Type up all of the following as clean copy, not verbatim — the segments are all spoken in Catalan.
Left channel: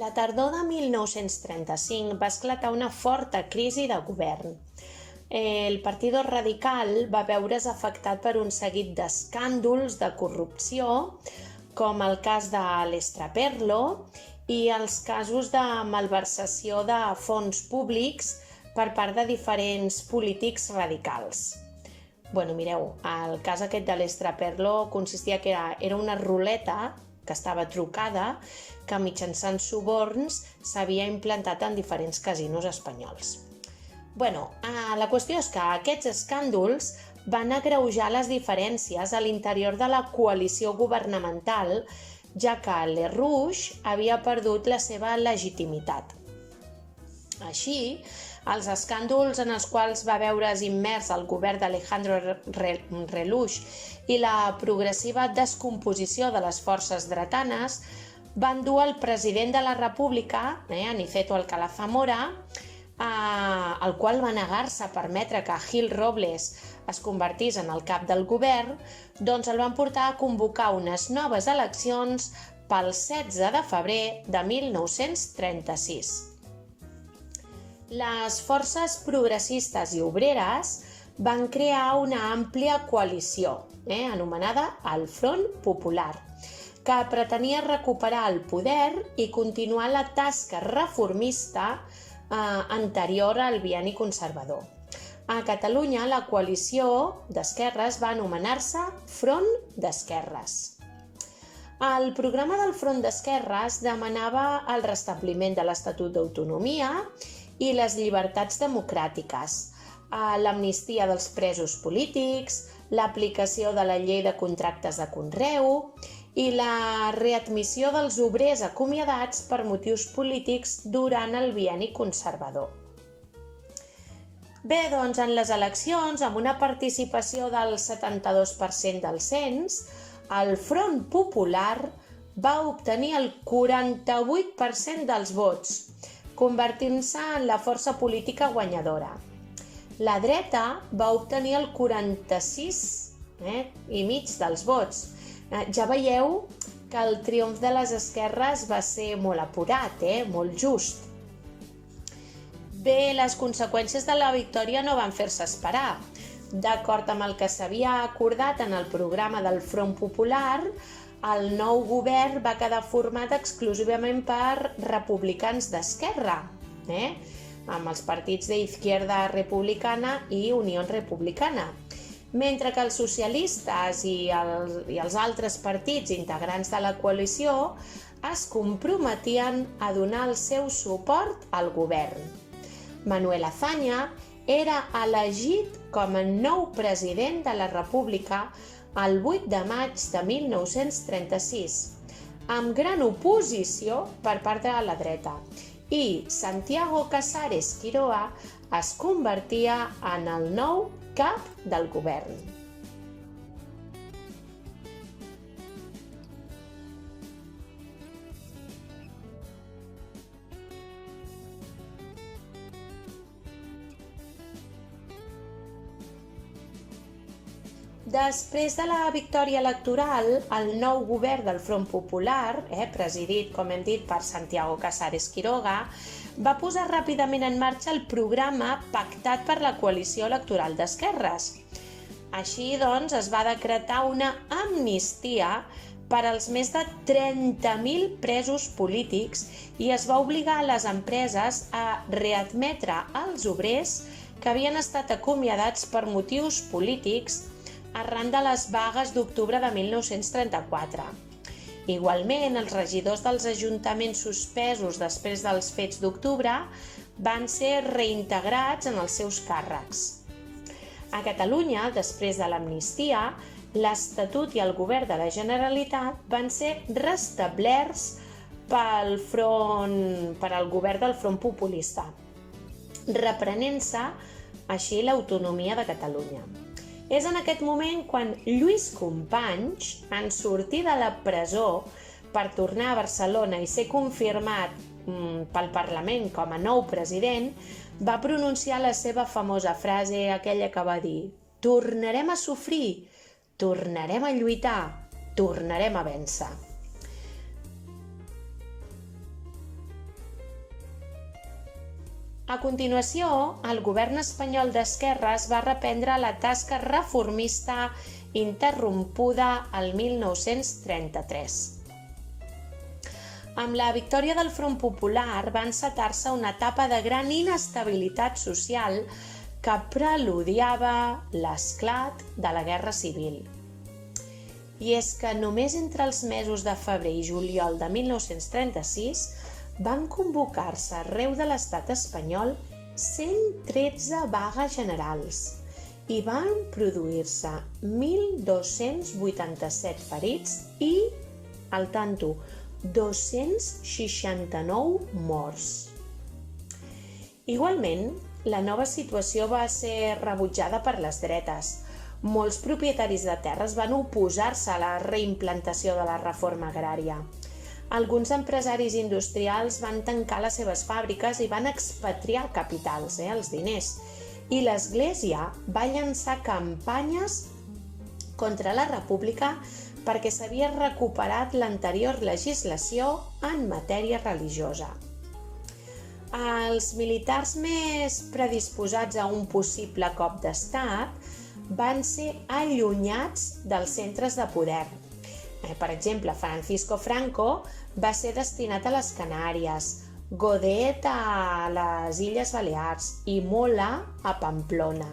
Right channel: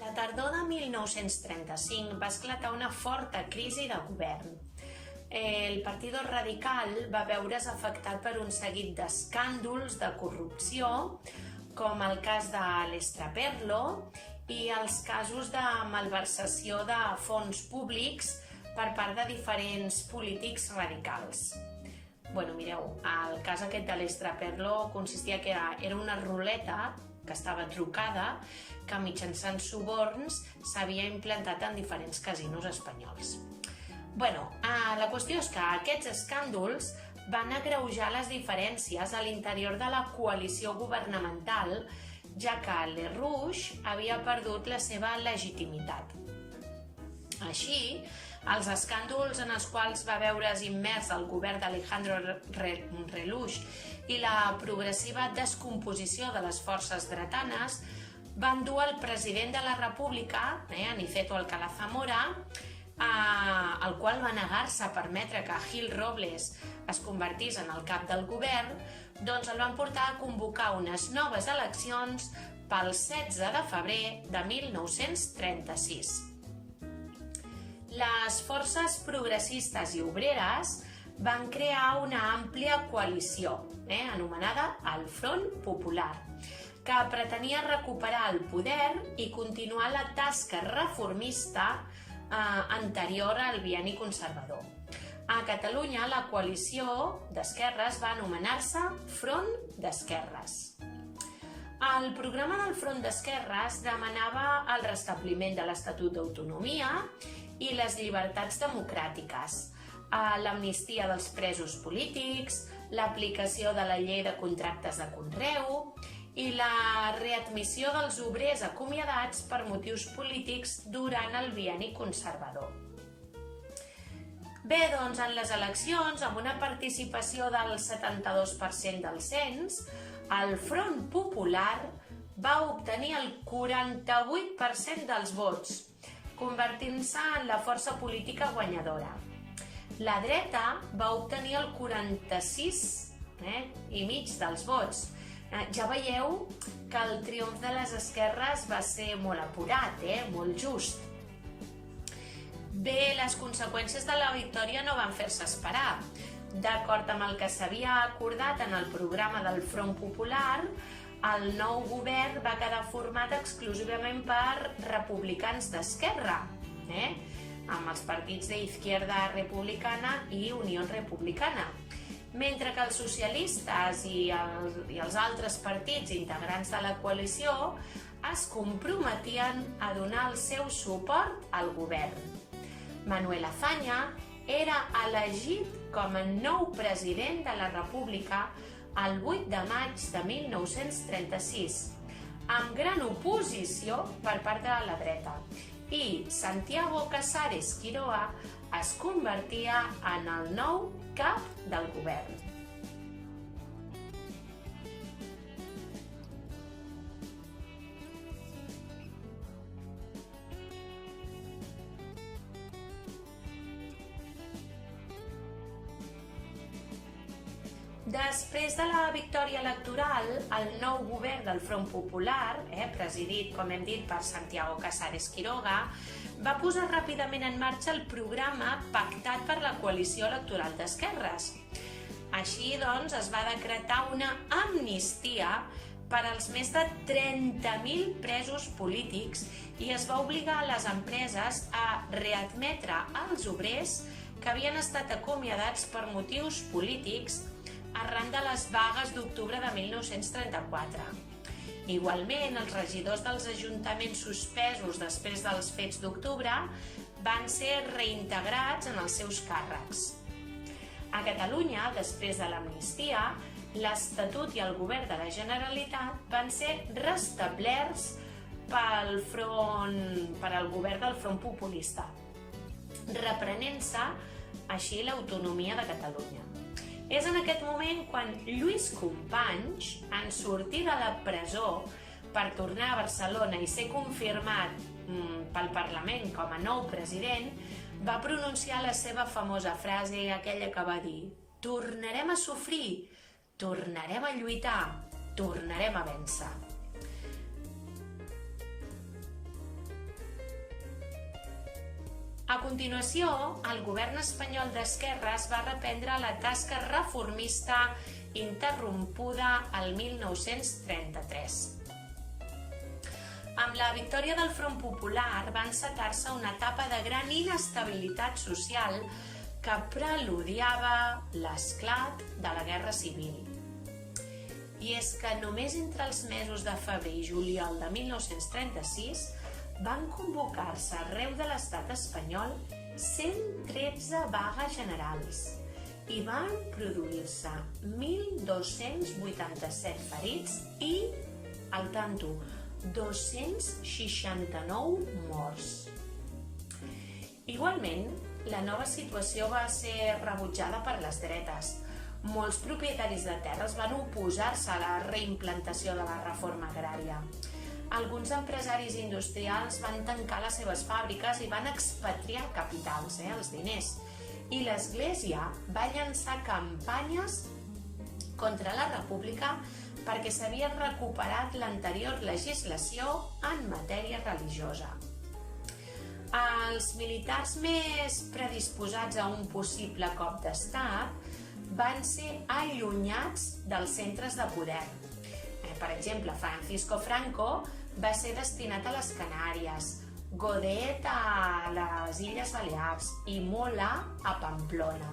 La tardor de 1935 va esclatar una forta crisi de govern. El Partido Radical va veure's afectat per un seguit d'escàndols de corrupció, com el cas de l'Estraperlo i els casos de malversació de fons públics per part de diferents polítics radicals. Mireu, el cas aquest de l'Estraperlo consistia que era una ruleta que estava trucada, que mitjançant suborns s'havia implantat en diferents casinos espanyols. La qüestió és que aquests escàndols van agreujar les diferències a l'interior de la coalició governamental, ja que Le Rouge havia perdut la seva legitimitat. Així, els escàndols en els quals va veure's immers el govern d'Alejandro Reluix i la progressiva descomposició de les forces dretanes van dur el president de la República, Aniceto Alcalá Zamora, el qual va negar-se a permetre que Gil Robles es convertís en el cap del govern, doncs el van portar a convocar unes noves eleccions pel 16 de febrer de 1936. Les forces progressistes i obreres van crear una àmplia coalició, anomenada el Front Popular, que pretenia recuperar el poder i continuar la tasca reformista anterior al bienni conservador. A Catalunya, la coalició d'esquerres va anomenar-se Front d'Esquerres. El programa del Front d'Esquerres demanava el restabliment de l'Estatut d'Autonomia i les llibertats democràtiques, l'amnistia dels presos polítics, l'aplicació de la llei de contractes de conreu i la readmissió dels obrers acomiadats per motius polítics durant el bienni conservador. En les eleccions, amb una participació del 72% del cens, el Front Popular va obtenir el 48% dels vots, convertint-se en la força política guanyadora. La dreta va obtenir el 46,5% dels vots. Ja veieu que el triomf de les esquerres va ser molt apurat, molt just. Bé, les conseqüències de la victòria no van fer-se esperar. D'acord amb el que s'havia acordat en el programa del Front Popular, el nou govern va quedar format exclusivament per republicans d'esquerra, amb els partits d'Izquierda Republicana i Unió Republicana, mentre que els socialistes i els altres partits integrants de la coalició es comprometien a donar el seu suport al govern. Manuel Azaña era elegit com a nou president de la República el 8 de maig de 1936, amb gran oposició per part de la dreta, i Santiago Casares Quiroga es convertia en el nou cap del govern. Després de la victòria electoral, el nou govern del Front Popular, presidit, com hem dit, per Santiago Casares Quiroga, va posar ràpidament en marxa el programa pactat per la coalició electoral d'esquerres. Així, doncs, es va decretar una amnistia per als més de 30.000 presos polítics i es va obligar a les empreses a readmetre els obrers que havien estat acomiadats per motius polítics arran de les vagues d'octubre de 1934. Igualment, els regidors dels ajuntaments suspesos després dels fets d'octubre van ser reintegrats en els seus càrrecs. A Catalunya, després de l'amnistia, l'Estatut i el govern de la Generalitat van ser restablerts per al govern del Front Populista, reprenent-se així l'autonomia de Catalunya. És en aquest moment quan Lluís Companys, en sortir de la presó per tornar a Barcelona i ser confirmat pel Parlament com a nou president, va pronunciar la seva famosa frase, aquella que va dir: «Tornarem a sofrir, tornarem a lluitar, tornarem a vèncer». A continuació, el govern espanyol d'esquerres va reprendre la tasca reformista interrompuda el 1933. Amb la victòria del Front Popular va encetar-se una etapa de gran inestabilitat social que preludiava l'esclat de la Guerra Civil. I és que només entre els mesos de febrer i juliol de 1936 van convocar-se arreu de l'estat espanyol 113 vagues generals i van produir-se 1.287 ferits i, al tanto, 269 morts. Igualment, la nova situació va ser rebutjada per les dretes. Molts propietaris de terres van oposar-se a la reimplantació de la reforma agrària. Alguns empresaris industrials van tancar les seves fàbriques i van expatriar capitals, els diners. I l'Església va llançar campanyes contra la República perquè s'havia recuperat l'anterior legislació en matèria religiosa. Els militars més predisposats a un possible cop d'estat van ser allunyats dels centres de poder. Per exemple, Francisco Franco va ser destinat a les Canàries, Godet a les Illes Balears i Mola a Pamplona.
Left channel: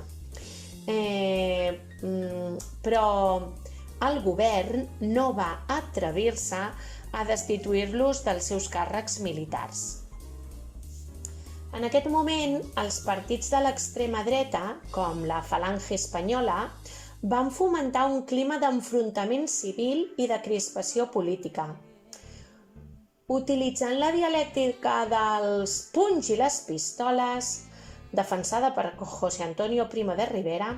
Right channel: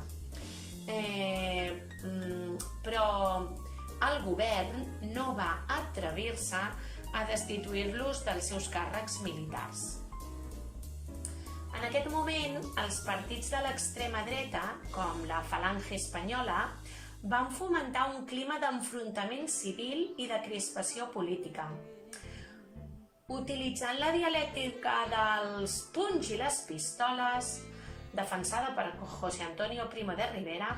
Però el govern no va atrevir-se a destituir-los dels seus càrrecs militars. En aquest moment, els partits de l'extrema dreta, com la Falange Espanyola, van fomentar un clima d'enfrontament civil i de crispació política. Utilitzant la dialèctica dels punys i les pistoles, defensada per José Antonio Primo de Rivera,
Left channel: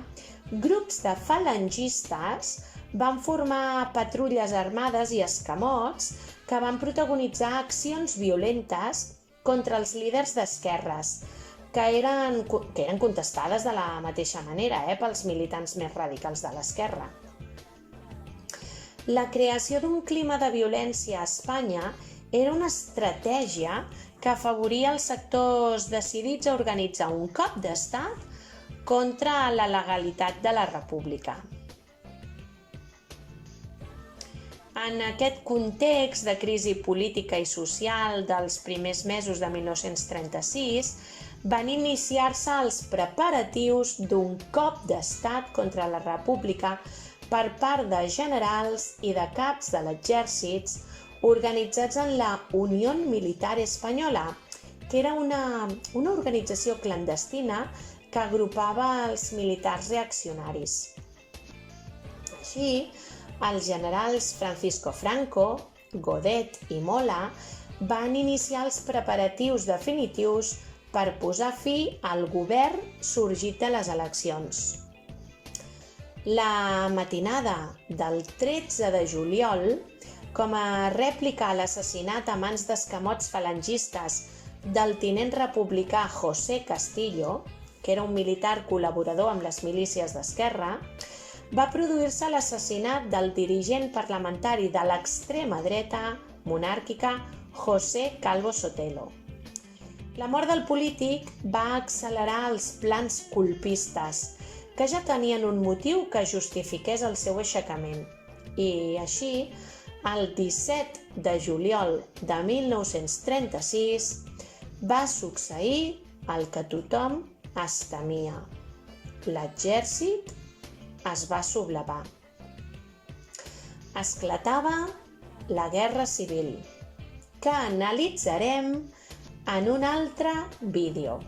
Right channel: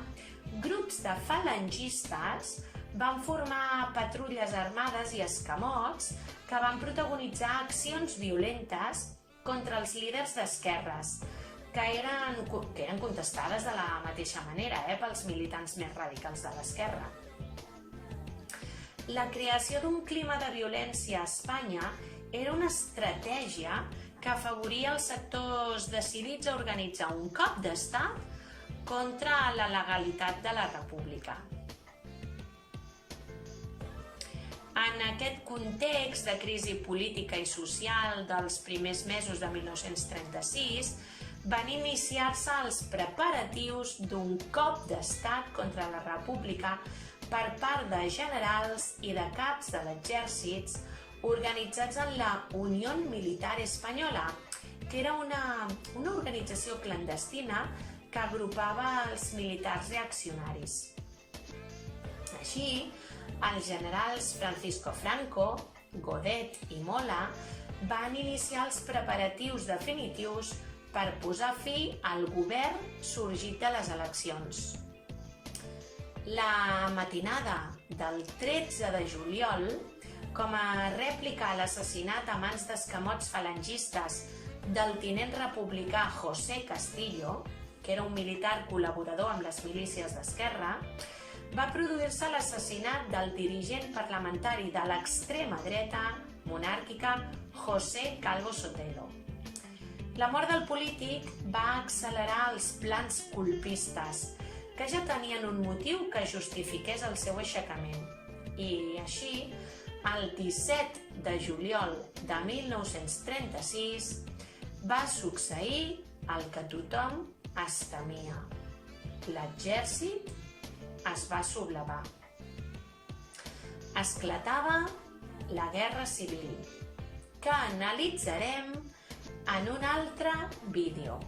grups de falangistes van formar patrulles armades i escamots que van protagonitzar accions violentes contra els líders d'esquerres, que eren contestades de la mateixa manera pels militants més radicals de l'esquerra. La creació d'un clima de violència a Espanya era una estratègia que afavoria els sectors decidits a organitzar un cop d'estat contra la legalitat de la República. En aquest context de crisi política i social dels primers mesos de 1936, van iniciar-se els preparatius d'un cop d'estat contra la República per part de generals i de caps de l'exèrcit organitzats en la Unió Militar Espanyola, que era una organització clandestina que agrupava els militars reaccionaris. Així, els generals Francisco Franco, Godet i Mola van iniciar els preparatius definitius per posar fi al govern sorgit de les eleccions. La matinada del 13 de juliol, com a rèplica a l'assassinat a mans d'escamots falangistes del tinent republicà José Castillo, que era un militar col·laborador amb les milícies d'esquerra, va produir-se l'assassinat del dirigent parlamentari de l'extrema dreta monàrquica José Calvo Sotelo. La mort del polític va accelerar els plans colpistes, que ja tenien un motiu que justifiqués el seu aixecament. I així, el 17 de juliol de 1936 va succeir el que tothom es temia. L'exèrcit es va sublevar. Esclatava la Guerra Civil, que analitzarem en un altre vídeo.